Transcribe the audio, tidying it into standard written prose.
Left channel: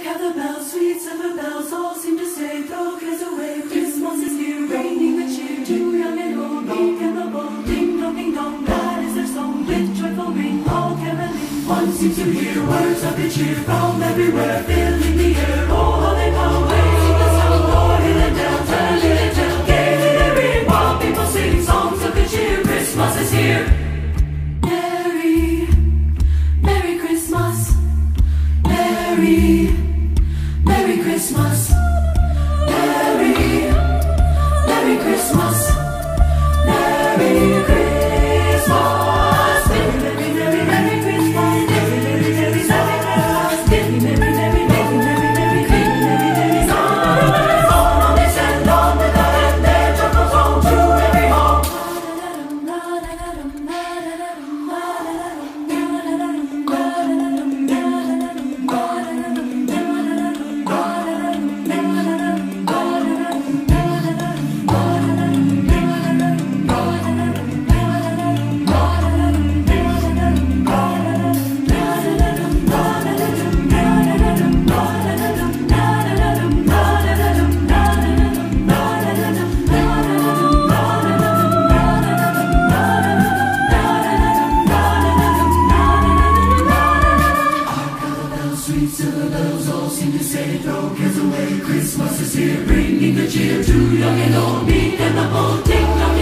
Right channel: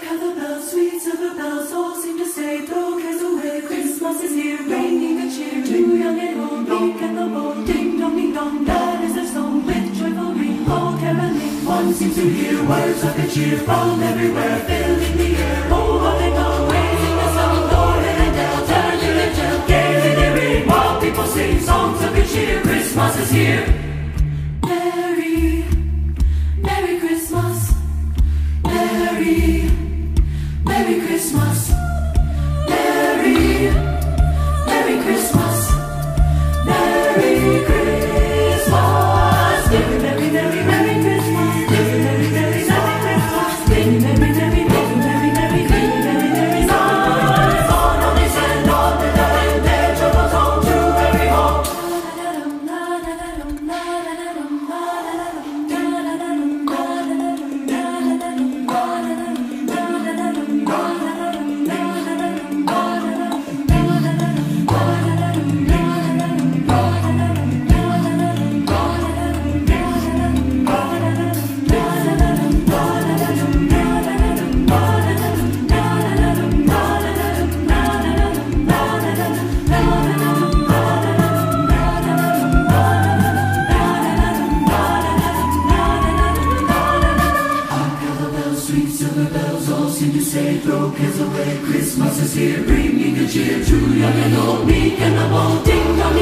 Hark how the bells, sweet silver bells, all seem to say, throw cares away, Christmas is here, bringing the cheer to young and old, meek and the bold. Ding dong, that is their song, with joyful ring, all caroling. One seems to hear words of good cheer from everywhere, filling the air. Oh, how they come, raising the sound, o'er hill and dale, tell you they tell, gaily they ring, while people sing songs of good cheer. Christmas is here. Merry, Merry Christmas. Merry, Merry Christmas. Merry, Merry Christmas. Merry Christmas. Merry, Merry, Merry, Merry Christmas. Merry, Merry, Merry, Merry Christmas. Merry, Merry, Merry, Merry, Merry, Merry, Merry, Merry, Merry Christmas. On they send on without end their troubles home to every home. Sweet silver bells all seem to say, throw cares away, Christmas is here, bringing good cheer to young and old, meek and the bold. Ding dong,